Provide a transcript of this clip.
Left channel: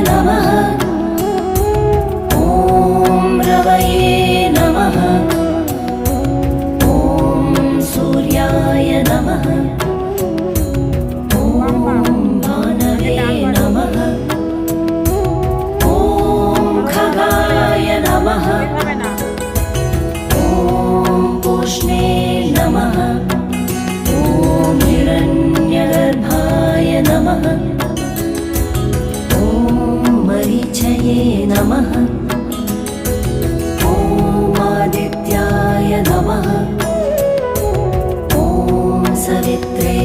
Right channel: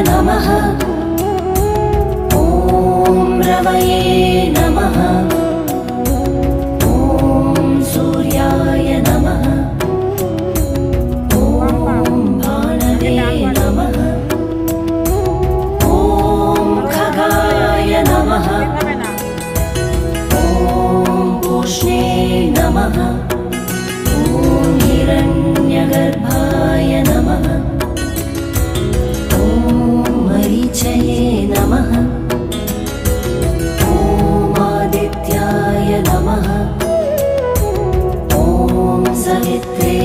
नमः। ॐ रवये नमः। ॐ सूर्याय नमः। ॐ भानवे नमः। ॐ खगाय नमः। ॐ पूष्णे नमः। ॐ हिरण्यगर्भाय नमः। ॐ मरीचये नमः। ॐ आदित्याय नमः। ॐ सवित्रे